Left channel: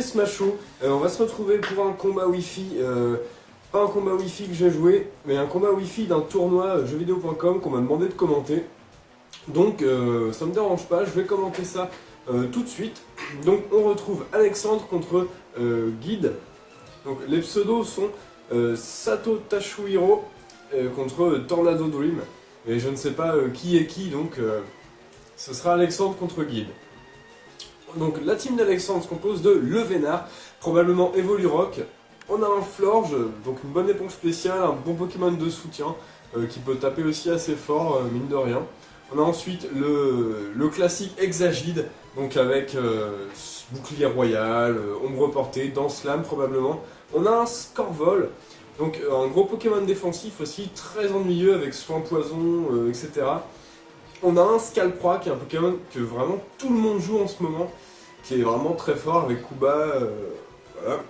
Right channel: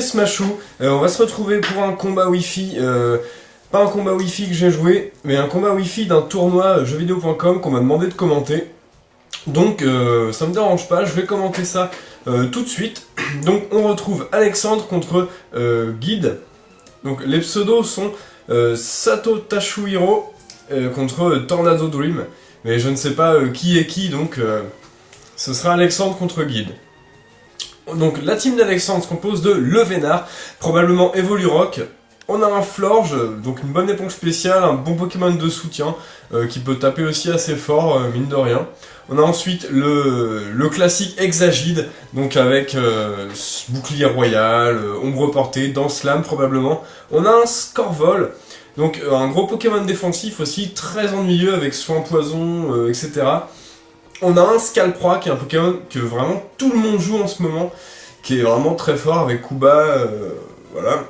c'est Smashou, on va se retrouver pour un combat Wi-Fi, pas un combat Wi-Fi que j'ai joué, mais un combat Wi-Fi d'un tournoi jeuxvideo.com qu'on m'a demandé de commenter. Donc ça me dérange pas, je vais commenter ça tout de suite. Donc on retrouve Alexandre contre Guide. Donc les pseudos sont Sato Tashuhiro contre Tornado Dream. Mais je ne sais pas qui est qui, donc ce sera Alexandre contre Guide. Donc la team d'Alexandre se compose de Levénard, probablement Evolurock. On a un Florge, donc une bonne éponge spéciale, un bon Pokémon de soutien, qui peut taper aussi assez fort, mine de rien. On a ensuite le classique Exagide, donc avec bouclier royal, ombre portée, danse lame probablement. On a un Scorvol, donc un gros Pokémon défensif aussi, très ennuyeux avec soin poison, etc. On a un Scalproie qui est un Pokémon que vraiment tout le monde joue en ce moment, qui est vraiment très fort avec Kuba, voilà.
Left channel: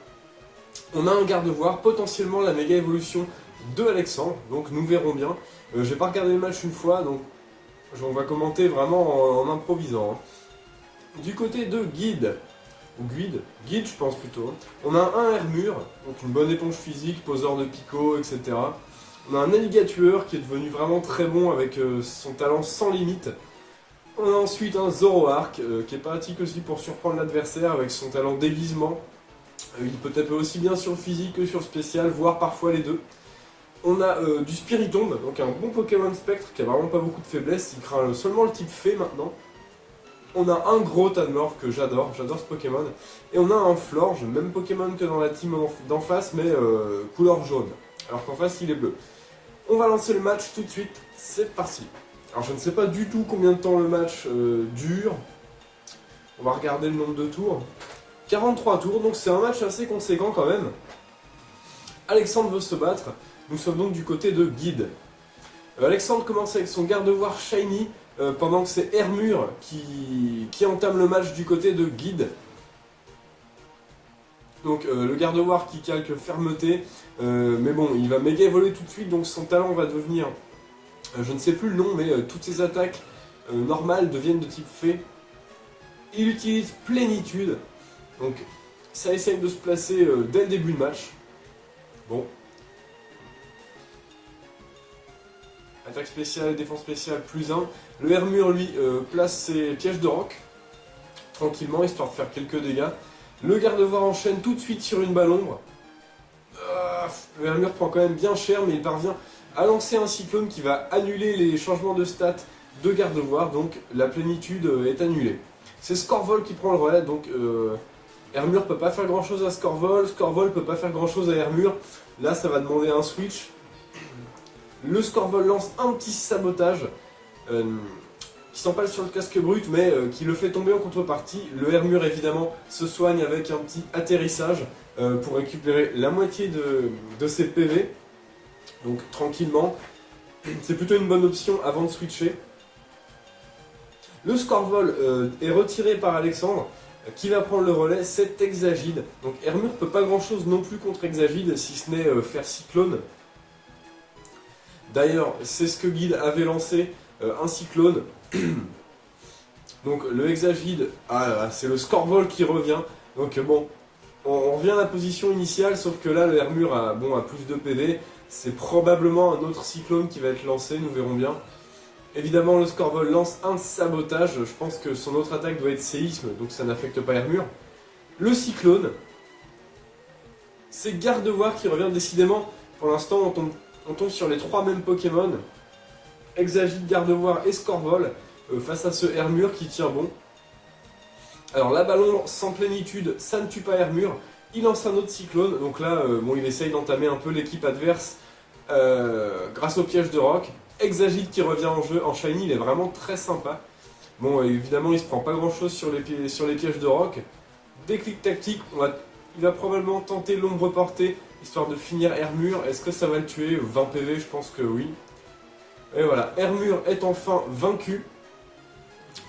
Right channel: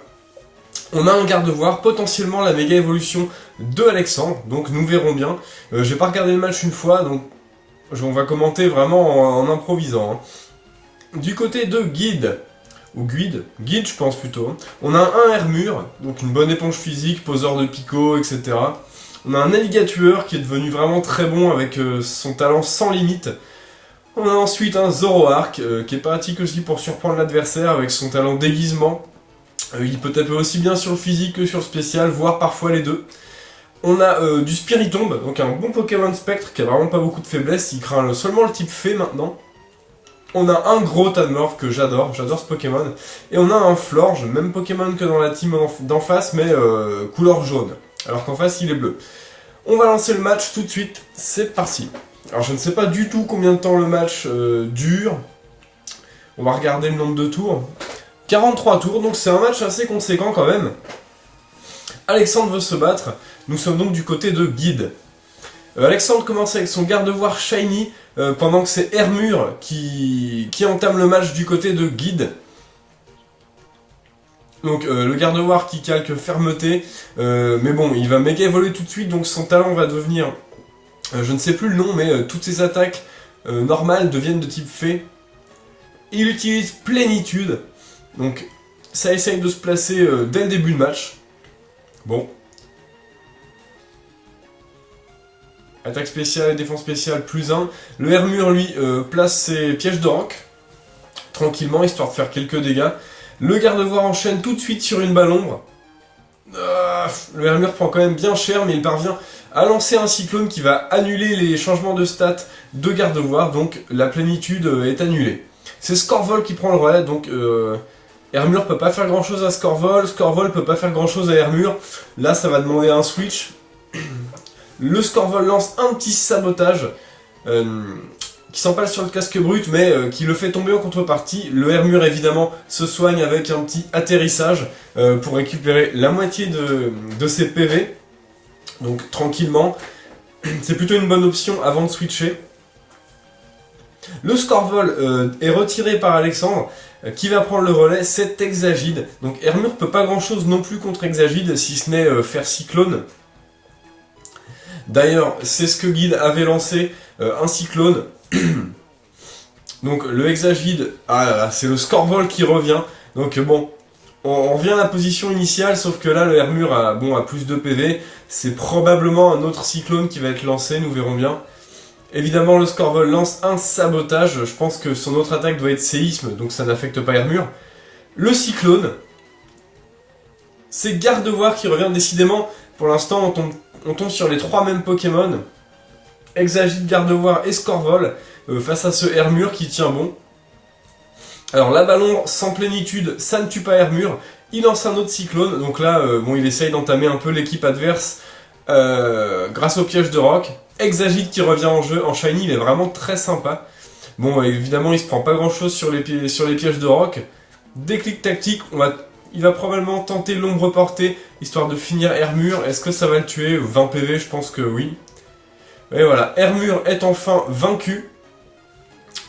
On a un Gardevoir, potentiellement la méga évolution de Alexandre, donc nous verrons bien. J'ai pas regardé le match une fois, donc on va commenter vraiment en improvisant. Hein. Du côté de Guide, ou Guide je pense plutôt, on a un Hermure, donc une bonne éponge physique, poseur de Pico, etc. On a un Alligatueur qui est devenu vraiment très bon avec son talent sans limite. On a ensuite un Zoroark qui est pratique aussi pour surprendre l'adversaire avec son talent déguisement. Il peut taper aussi bien sur le physique que sur le spécial, voire parfois les deux. On a du Spiritomb, donc un bon Pokémon Spectre qui a vraiment pas beaucoup de faiblesse, il craint seulement le type Fée maintenant. On a un gros Tanmorph que j'adore ce Pokémon. Et on a un Florge, même Pokémon que dans la team d'en face, mais couleur jaune. Alors qu'en face il est bleu. On va lancer le match tout de suite, c'est parti. Alors je ne sais pas du tout combien de temps le match dure. On va regarder le nombre de tours. 43 tours, donc c'est un match assez conséquent quand même. Alexandre veut se battre, nous sommes donc du côté de Guide. Alexandre commence avec son Gardevoir Shiny, pendant que c'est Hermure qui entame le match du côté de Guide. Donc le Gardevoir qui calque fermeté, mais bon, il va méga évoluer tout de suite, donc son talent va devenir, je ne sais plus le nom, mais toutes ses attaques normales deviennent de type Fée. Il utilise Plénitude, donc ça essaye de se placer dès le début de match. Bon. Attaque spéciale et défense spéciale plus 1. Le Hermure lui place ses pièges de roc, tranquillement, histoire de faire quelques dégâts. Le Gardevoir enchaîne tout de suite sur une balle ombre. Le Hermure prend quand même bien cher, mais il parvient à lancer un cyclone qui va annuler les changements de stats de Gardevoir, donc la plénitude est annulée. C'est Scorvol qui prend le relais, donc Hermure peut pas faire grand chose à Scorvol, Scorvol peut pas faire grand chose à Hermure. Là ça va demander un switch. Le Scorvol lance un petit sabotage qui s'empale sur le casque brut, mais qui le fait tomber en contrepartie. Le Hermure évidemment se soigne avec un petit atterrissage pour récupérer la moitié de ses PV. Donc tranquillement, c'est plutôt une bonne option avant de switcher. Le Scorvol est retiré par Alexandre, qui va prendre le relais, c'est Exagide. Donc Hermure peut pas grand chose non plus contre Exagide, si ce n'est faire cyclone. D'ailleurs, c'est ce que Guide avait lancé, un cyclone. Donc le Exagide, c'est le Scorvol qui revient. Donc bon, on revient à la position initiale, sauf que là le Hermure a plus de PV. C'est probablement un autre cyclone qui va être lancé, nous verrons bien. Évidemment le Scorvol lance un sabotage, je pense que son autre attaque doit être séisme, donc ça n'affecte pas Hermure. Le cyclone, c'est Gardevoir qui revient décidément. Pour l'instant on tombe sur les trois mêmes Pokémon. Exagide, Gardevoir et Scorvol, face à ce Hermure qui tient bon. Alors la ballon sans plénitude, ça ne tue pas Hermure. Il lance un autre cyclone, donc là il essaye d'entamer un peu l'équipe adverse grâce au piège de roc. Exagide qui revient en jeu, en shiny, il est vraiment très sympa. Bon, évidemment, il se prend pas grand chose sur les pièges de roc. Déclic tactique, il va probablement tenter l'ombre portée, histoire de finir Hermure. Est-ce que ça va le tuer? 20 PV, je pense que oui. Et voilà, Hermure est enfin vaincu.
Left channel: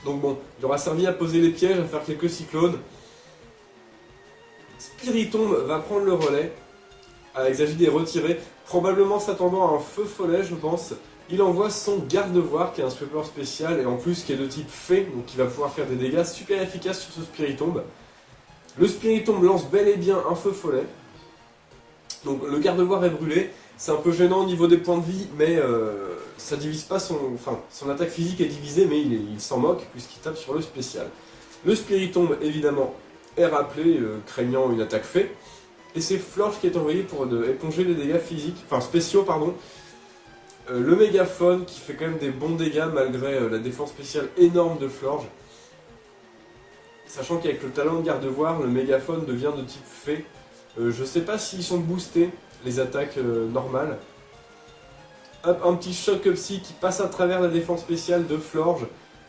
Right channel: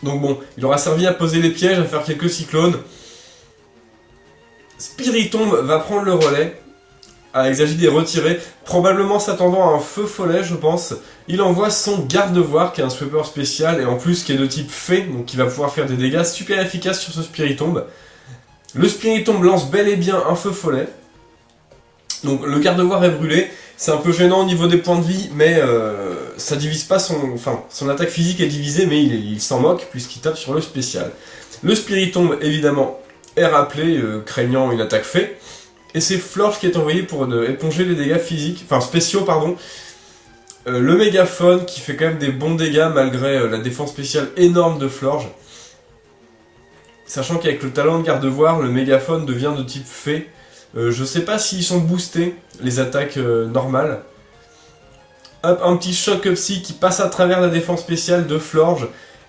Donc bon, il aura servi à poser les pièges, à faire quelques cyclones. Spiritomb va prendre le relais. Exagide est retiré, probablement s'attendant à un feu follet, je pense. Il envoie son Gardevoir, qui est un sweeper spécial, et en plus qui est de type Fée, donc il va pouvoir faire des dégâts super efficaces sur ce Spiritomb. Le Spiritomb lance bel et bien un feu follet. Donc le gardevoir est brûlé. C'est un peu gênant au niveau des points de vie, mais ça divise pas son... Enfin, son attaque physique est divisée, mais il s'en moque puisqu'il tape sur le spécial. Le Spiritomb, évidemment, est rappelé, craignant une attaque fée. Et c'est Florge qui est envoyé pour éponger les dégâts physiques, enfin spéciaux, pardon. Le Mégaphone qui fait quand même des bons dégâts malgré la défense spéciale énorme de Florge. Sachant qu'avec le talent de gardevoir, le Mégaphone devient de type fée. Je sais pas s'ils sont boostés, les attaques normales. Hop, un petit choc psy qui passe à travers la défense spéciale de Florge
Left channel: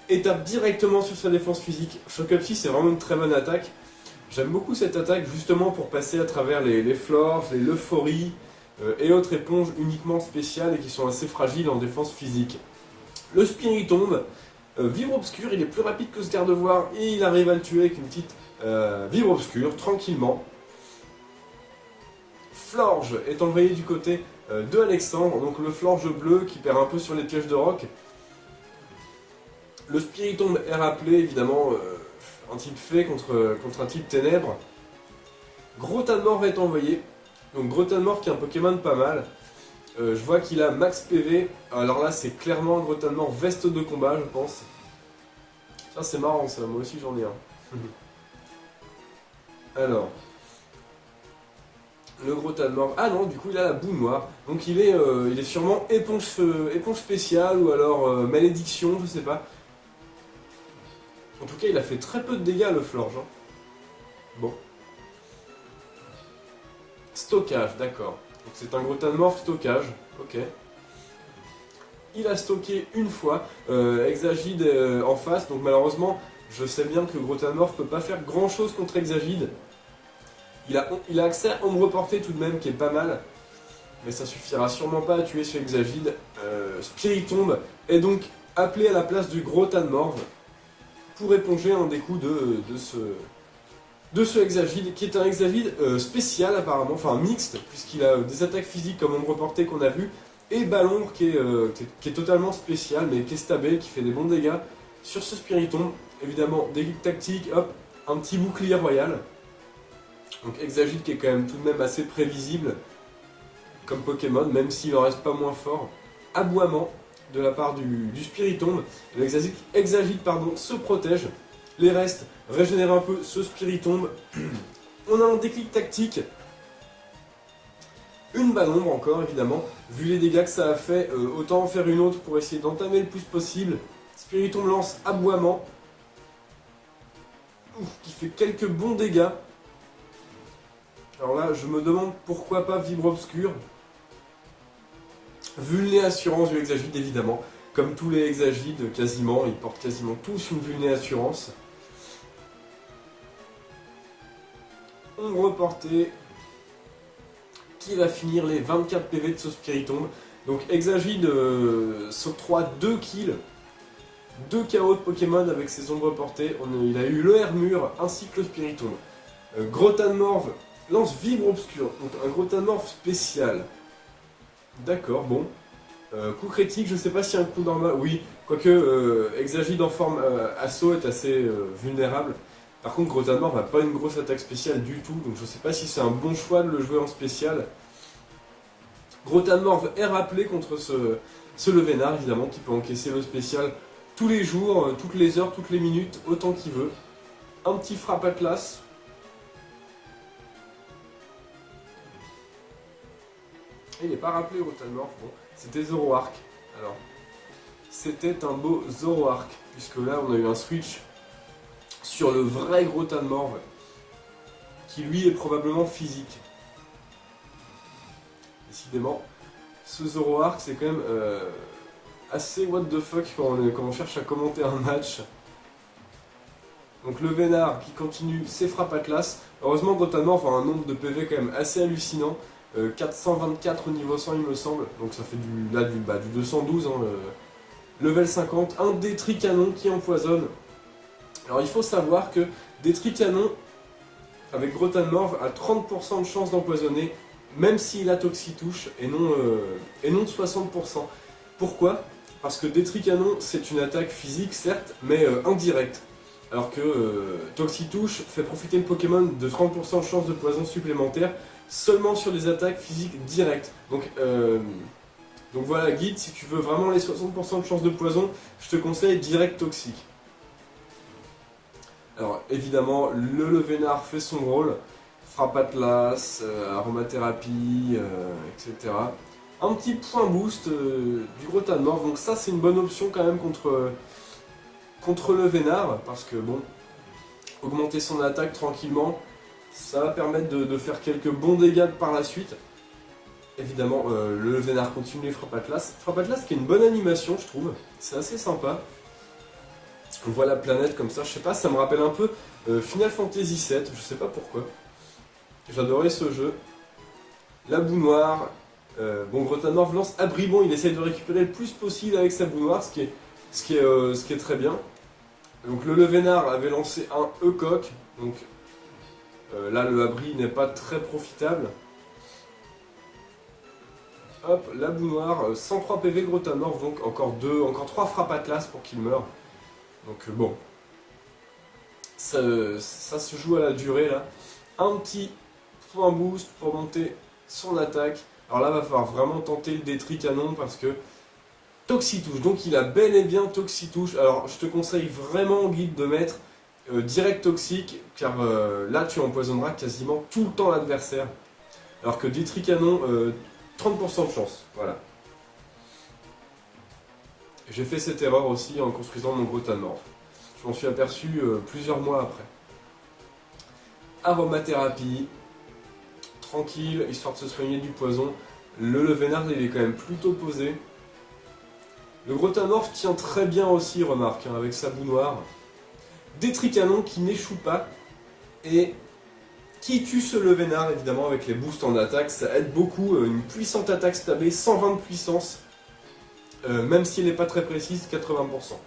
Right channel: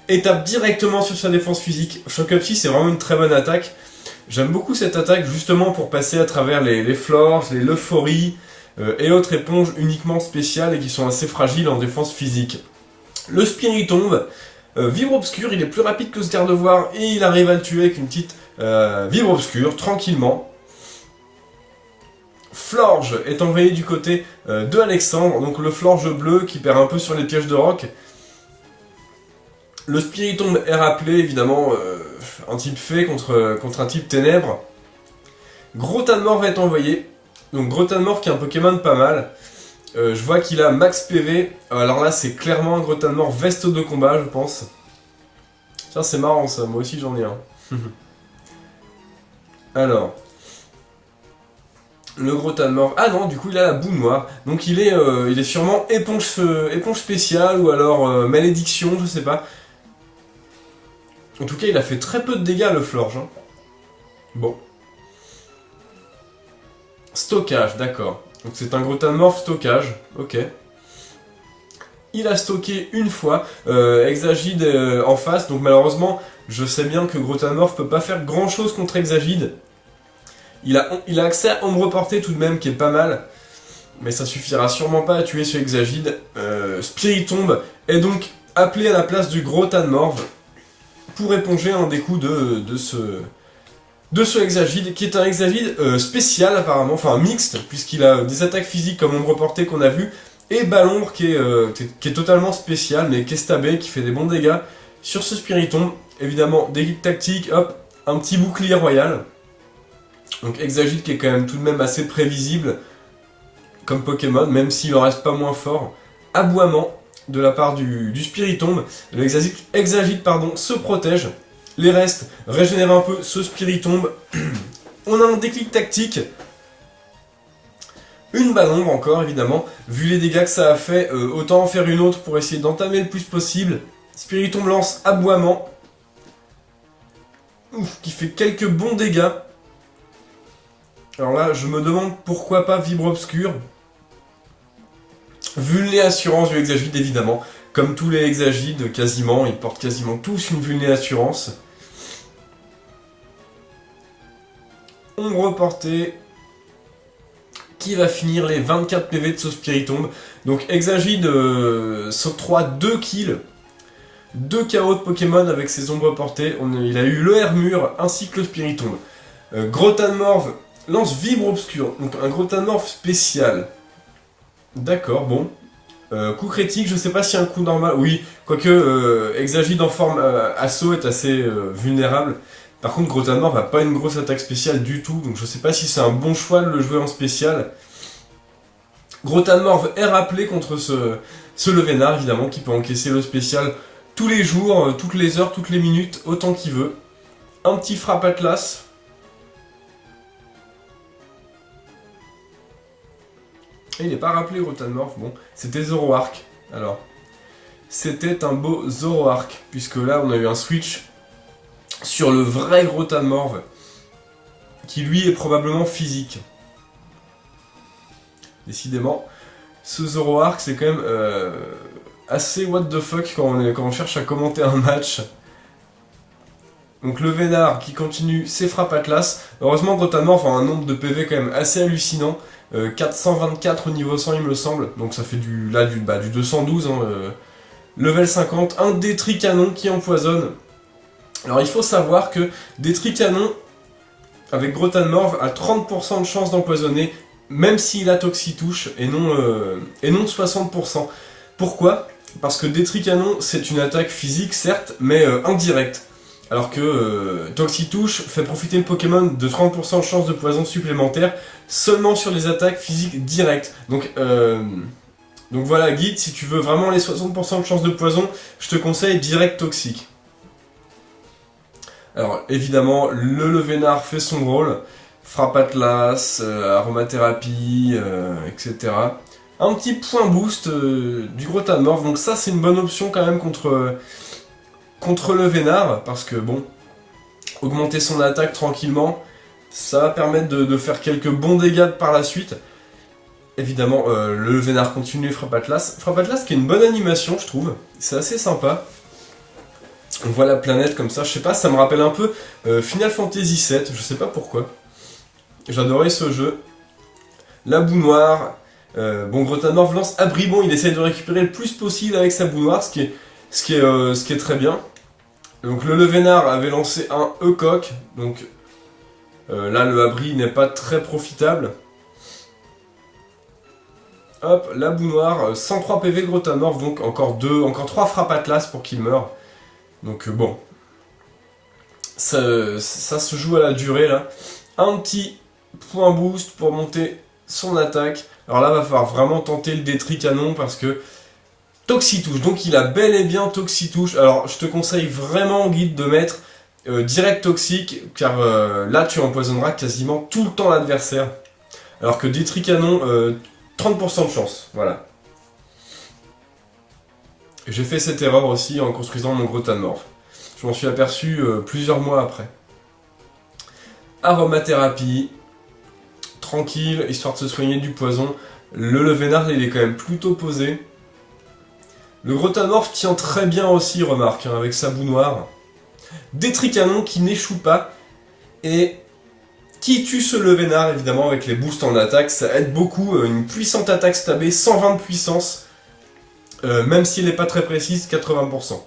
et tape directement sur sa défense physique. Choc psy, c'est vraiment une très bonne attaque. J'aime beaucoup cette attaque justement pour passer à travers les Florges, les Euphories et autres éponges uniquement spéciales et qui sont assez fragiles en défense physique. Le Spiritomb, Vibre Obscur, il est plus rapide que ce gardevoir et il arrive à le tuer avec une petite Vibre Obscur, tranquillement. Florge est envoyé du côté de Alexandre, donc le Florge bleu qui perd un peu sur les pièges de roc. Le Spiritomb est rappelé, évidemment, un type fée contre un type ténèbres. Grotanmorph est envoyé, donc Grotanmorph qui est un Pokémon pas mal. Je vois qu'il a max PV, alors là c'est clairement un Grotanmorph veste de combat je pense. Tiens c'est marrant ça, moi aussi j'en ai un. Alors... Le Grotanmorph... Ah non, du coup il a la boue noire. Donc il est sûrement éponge spéciale ou alors malédiction, je sais pas. En tout cas il a fait très peu de dégâts le Florge. Hein. Bon. Stockage, d'accord. Donc c'est un Grotanmorph stockage, ok. Il a stocké une fois, Exagide en face, donc malheureusement je sais bien que Grotanmorph peut pas faire grand chose contre Exagide. Il a accès à Ombre Portée tout de même, qui est pas mal. Mais ça suffira sûrement pas à tuer ce Exagide. Spiritomb est donc appelé à la place du Grotanmorph pour éponger un des coups de ce Exagide, qui est un Exagide spécial apparemment, enfin mixte, puisqu'il a des attaques physiques comme Ombre Portée qu'on a vu, et Ballombre qui est totalement spécial, mais qui est stabé, qui fait des bons dégâts sur ce Spiritomb. Évidemment, des guides tactiques, hop, un petit bouclier royal. Donc Exagide qui est quand même tout de même assez prévisible comme Pokémon, même s'il en reste pas moins fort. Aboiement de la part du Spiritomb. Le Exagide pardon, se protège. Les restes régénèrent un peu ce Spiritomb. On a un déclic tactique. Une Ballombre encore évidemment. Vu les dégâts que ça a fait, autant en faire une autre pour essayer d'entamer le plus possible. Spiritomb lance Aboiement. Ouf, qui fait quelques bons dégâts. Alors là, je me demande pourquoi pas Vibre Obscur. Vulné Assurance du Exagide, évidemment. Comme tous les Exagides, quasiment, ils portent quasiment tous une Vulné Assurance. Ombre Portée, qui va finir les 24 PV de ce Spiritomb. Donc Exagide s'octroie 2 kills, 2 KO de Pokémon avec ses Ombres Portées. Il a eu le Hermure ainsi que le Spiritomb. Grotanmorph lance Vibre Obscur, donc un Grotanmorph spécial. D'accord, bon. Coup critique, je sais pas si un coup normal... Oui, quoique Exagide en forme assaut est assez vulnérable. Par contre, Grotanmorph n'a pas une grosse attaque spéciale du tout, donc je sais pas si c'est un bon choix de le jouer en spécial. Grotanmorph est rappelé contre ce Levénard, évidemment, qui peut encaisser le spécial tous les jours, toutes les heures, toutes les minutes, autant qu'il veut. Un petit Frappe Atlas. Et il n'est pas rappelé Grotanmorph, bon, c'était Zoroark. Alors, c'était un beau Zoroark, puisque là on a eu un switch sur le vrai Grotanmorph, qui lui est probablement physique. Décidément, ce Zoroark c'est quand même assez what the fuck quand on cherche à commenter un match. Donc le Vénard qui continue ses frappes Atlas. Heureusement Grotanmorph a un nombre de PV quand même assez hallucinant. 424 au niveau 100 il me semble, donc ça fait du 212, hein, level 50, un Détricanon qui empoisonne. Alors il faut savoir que Détricanon, avec Grotanmorph, a 30% de chance d'empoisonner, même s'il a Toxitouche, et non 60%. Pourquoi? Parce que Détricanon, c'est une attaque physique, certes, mais indirecte. Alors que Toxitouche fait profiter le Pokémon de 30% de chance de poison supplémentaire seulement sur les attaques physiques directes. Donc voilà, guide, si tu veux vraiment les 60% de chance de poison, je te conseille direct toxique. Alors évidemment, le Levénard fait son rôle, frappe Atlas, aromathérapie, etc. Un petit point boost du gros Tanmorph, donc ça c'est une bonne option quand même contre Levénard, parce que bon, augmenter son attaque tranquillement, ça va permettre de faire quelques bons dégâts par la suite. Évidemment, le Levénard continue frappe Atlas. Frappe Atlas qui est une bonne animation, je trouve. C'est assez sympa. On voit la planète comme ça, je sais pas, ça me rappelle un peu Final Fantasy VII, je sais pas pourquoi. J'adorais ce jeu. La boue noire. Bon, gros Tanmorph lance abri, bon, il essaye de récupérer le plus possible avec sa boue noire, ce qui est très bien. Donc le Levénard avait lancé un E-Coq, donc là le abri n'est pas très profitable. Hop, la boue noire, 103 PV gros Tanmorph, donc encore 3 frappes Atlas pour qu'il meure. Donc bon, ça se joue à la durée là. Un petit point boost pour monter son attaque. Alors là, va falloir vraiment tenter le détrit canon parce que Toxitouche, donc il a bel et bien Toxitouche. Alors je te conseille vraiment, guide, de mettre direct toxique, car là tu empoisonneras quasiment tout le temps l'adversaire. Alors que détrit canon, 30% de chance, voilà. J'ai fait cette erreur aussi en construisant mon gros Tanmorph. Je m'en suis aperçu plusieurs mois après. Aromathérapie, tranquille, histoire de se soigner du poison. Le Levénard, il est quand même plutôt posé. Le gros Tanmorph tient très bien aussi, remarque, hein, avec sa boue noire. Détrit canon qui n'échoue pas et qui tue ce Levénard, évidemment, avec les boosts en attaque. Ça aide beaucoup, une puissante attaque stabée, 120 de puissance. Même s'il n'est pas très précise, 80%.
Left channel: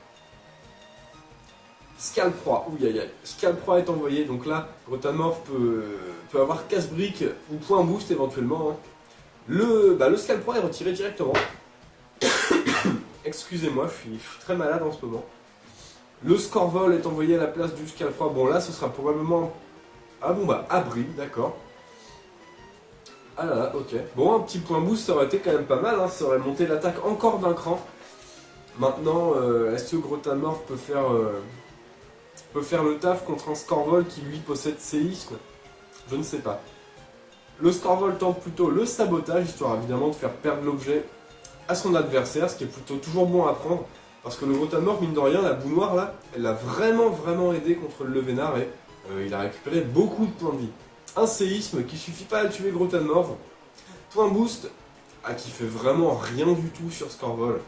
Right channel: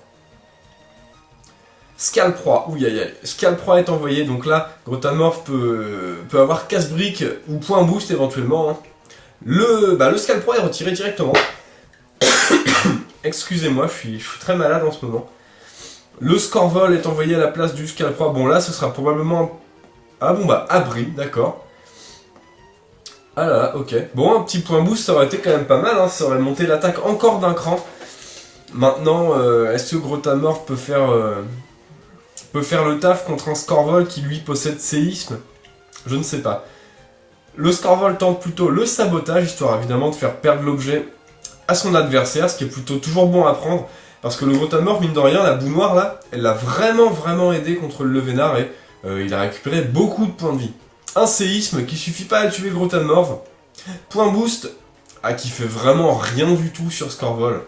Scalproie, ouh aïe aïe. Scalproie est envoyé, donc là, gros Tanmorph peut avoir casse-brique ou point boost éventuellement. Hein. Le Scalproie est retiré directement. Excusez-moi, je suis très malade en ce moment. Le Scorvol est envoyé à la place du Scalproie. Bon là, ce sera probablement... Ah bon bah, abri, d'accord. Ah là là, ok. Bon, un petit point boost, ça aurait été quand même pas mal, hein. Ça aurait monté l'attaque encore d'un cran. Maintenant, est-ce que gros Tanmorph peut faire le taf contre un Scorvol qui lui possède séisme? Je ne sais pas. Le Scorvol tente plutôt le sabotage, histoire évidemment de faire perdre l'objet à son adversaire, ce qui est plutôt toujours bon à prendre. Parce que le gros Tanmorph, mine de rien, la boue noire là, elle l'a vraiment aidé contre le Levénard et il a récupéré beaucoup de points de vie. Un séisme qui suffit pas à tuer le gros Tanmorph. Point boost, qui fait vraiment rien du tout sur Scorvol.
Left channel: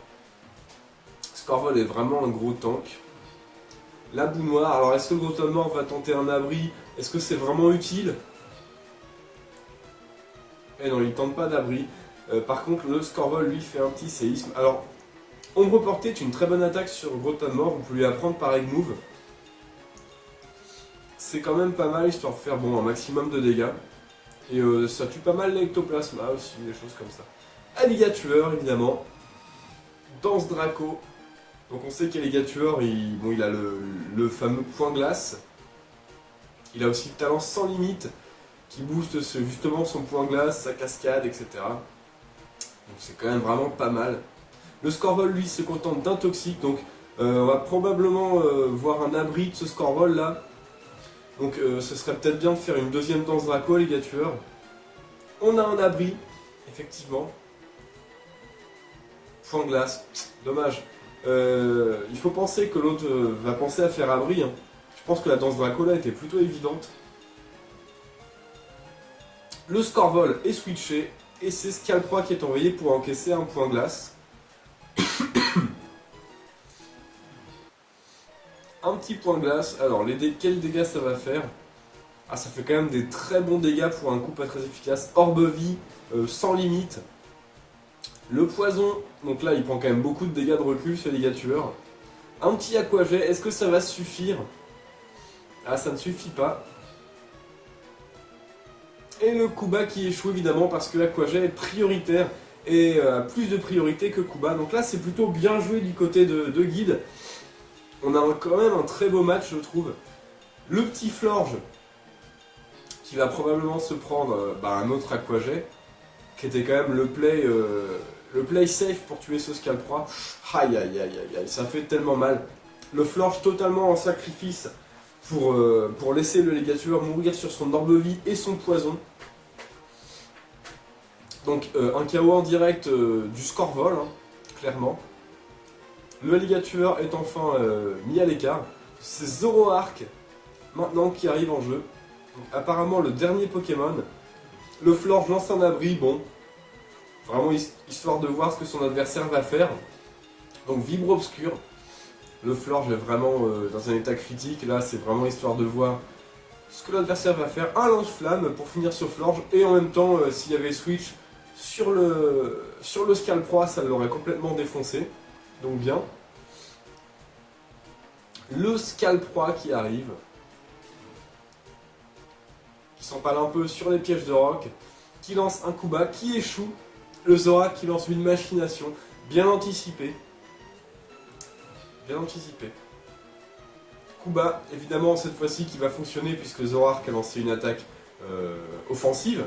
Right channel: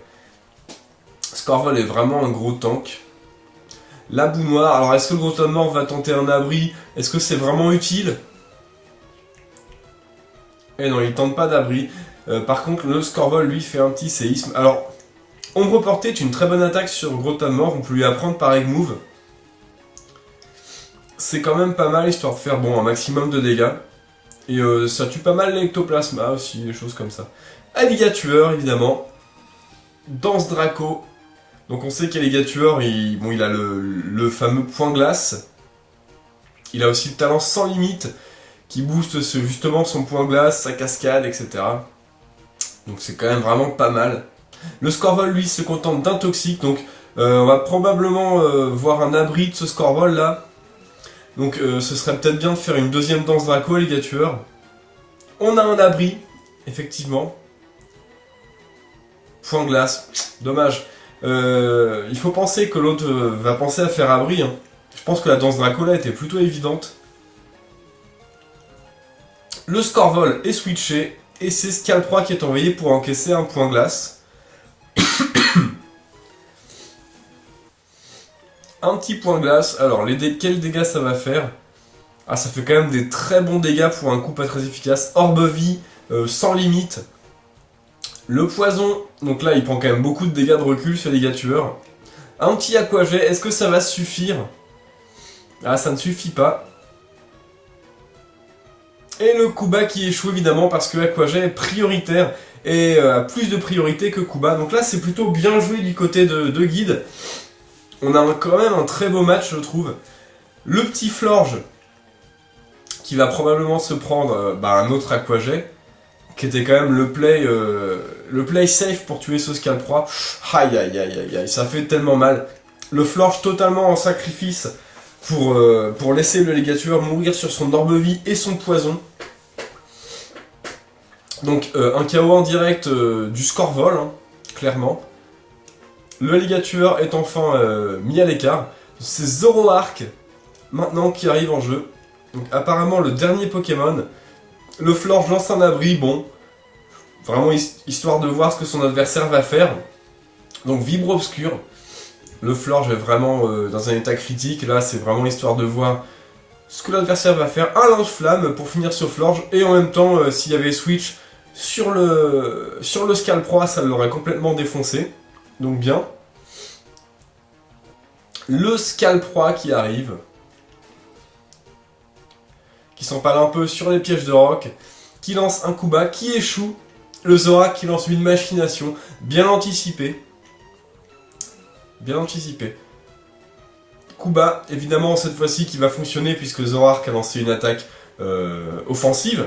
Scorvol est vraiment un gros tank. La boue noire, alors est-ce que le gros Tanmorph va tenter un abri? Est-ce que c'est vraiment utile? Eh non, il tente pas d'abri. Par contre, le Scorvol, lui, fait un petit séisme. Alors, Ombre Portée est une très bonne attaque sur gros Tanmorph, on peut lui apprendre par Egg Move. C'est quand même pas mal, histoire de faire un maximum de dégâts. Et ça tue pas mal l'ectoplasma aussi, des choses comme ça. Alligatueur, évidemment. Danse Draco. Donc on sait qu'Alligatueur, il a le fameux point glace. Il a aussi le talent sans limite, qui booste justement son point glace, sa cascade, etc. Donc c'est quand même vraiment pas mal. Le Scorvol, lui, se contente d'un toxique, donc on va probablement voir un abri de ce Scorvol là. Donc ce serait peut-être bien de faire une deuxième danse Draco, Alligatueur. On a un abri, effectivement. Point glace, dommage. Il faut penser que l'autre va penser à faire abri. Hein. Je pense que la danse Draco là était plutôt évidente. Le Scorvol est switché et c'est Scalproie qui est envoyé pour encaisser un point glace. Un petit point glace. Alors, quels dégâts ça va faire? Ah, ça fait quand même des très bons dégâts pour un coup pas très efficace. Orbe-vie, sans limite. Le poison, donc là, il prend quand même beaucoup de dégâts de recul sur les Ligatueurs. Un petit Aquajet, est-ce que ça va suffire? Ah, ça ne suffit pas. Et le Kuba qui échoue évidemment parce que Aquajet est prioritaire et a plus de priorité que Kuba. Donc là, c'est plutôt bien joué du côté de Guide. on a quand même un très beau match, je trouve. Le petit Florge, qui va probablement se prendre un autre Aquajet, qui était quand même le play safe pour tuer ce Scalproie. Aïe aïe aïe aïe aïe, ça fait tellement mal. Le Florge totalement en sacrifice pour laisser le Légature mourir sur son Orbe-Vie et son poison. Donc un KO en direct du Scorvol, hein, clairement. Le Légature est enfin mis à l'écart. C'est Zoroark maintenant qui arrive en jeu. Donc apparemment le dernier Pokémon. Le Florge lance un abri, bon. Vraiment histoire de voir ce que son adversaire va faire. Donc Vibre Obscur. Le Florge est vraiment dans un état critique. Là c'est vraiment histoire de voir ce que l'adversaire va faire. Un lance-flamme pour finir ce Florge. Et en même temps s'il y avait Switch sur le Scalproie, ça l'aurait complètement défoncé. Donc bien. Le Scalproie qui arrive. Qui s'empale un peu sur les pièges de roc. Qui lance un coup bas, qui échoue. Le Zoroark qui lance une machination. Bien anticipée. Bien anticipé. Coup bas, évidemment cette fois-ci qui va fonctionner puisque Zoroark a lancé une attaque offensive,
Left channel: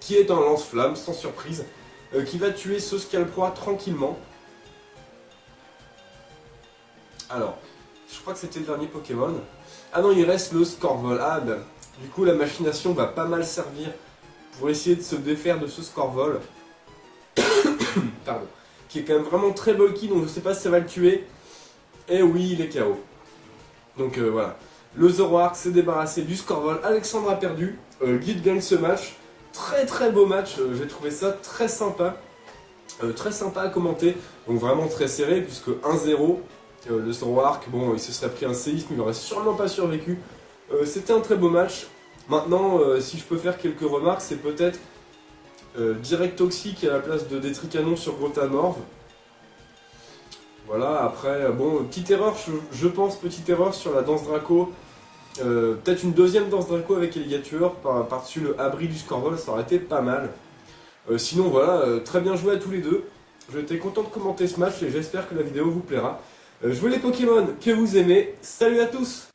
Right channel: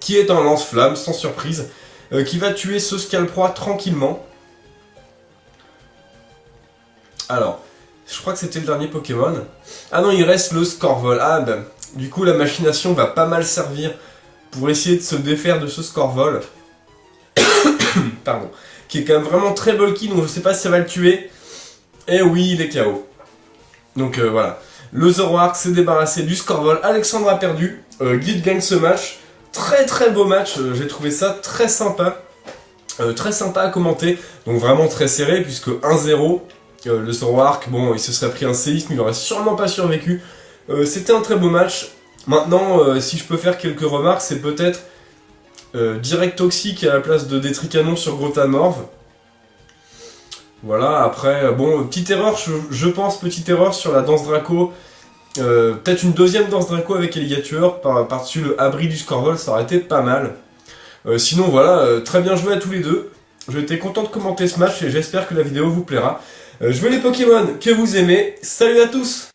qui est un lance-flamme, sans surprise, qui va tuer ce Scalproie tranquillement. Alors, je crois que c'était le dernier Pokémon. Ah non, il reste le Scorvol. Ah ben, du coup la machination va pas mal servir pour essayer de se défaire de ce Scorvol. Pardon. Qui est quand même vraiment très bulky, donc je sais pas si ça va le tuer. Et oui, il est KO. Donc voilà. Le Zoroark s'est débarrassé du Scorvol. Alexandre a perdu. Guide gagne ce match. Très très beau match. J'ai trouvé ça très sympa. Très sympa à commenter. Donc vraiment très serré, puisque 1-0. Le Zoroark, bon, il se serait pris un séisme, il n'aurait sûrement pas survécu. C'était un très beau match. Maintenant, si je peux faire quelques remarques, c'est peut-être direct toxique à la place de Détricanon sur Grotamorph. Voilà, après, bon, petite erreur, je pense, petite erreur sur la danse Draco. Peut-être une deuxième danse Draco avec Alligator par-dessus le abri du Scorvol, ça aurait été pas mal. Sinon, voilà, très bien joué à tous les deux. J'étais content de commenter ce match et j'espère que la vidéo vous plaira. Jouez les Pokémon que vous aimez. Salut à tous!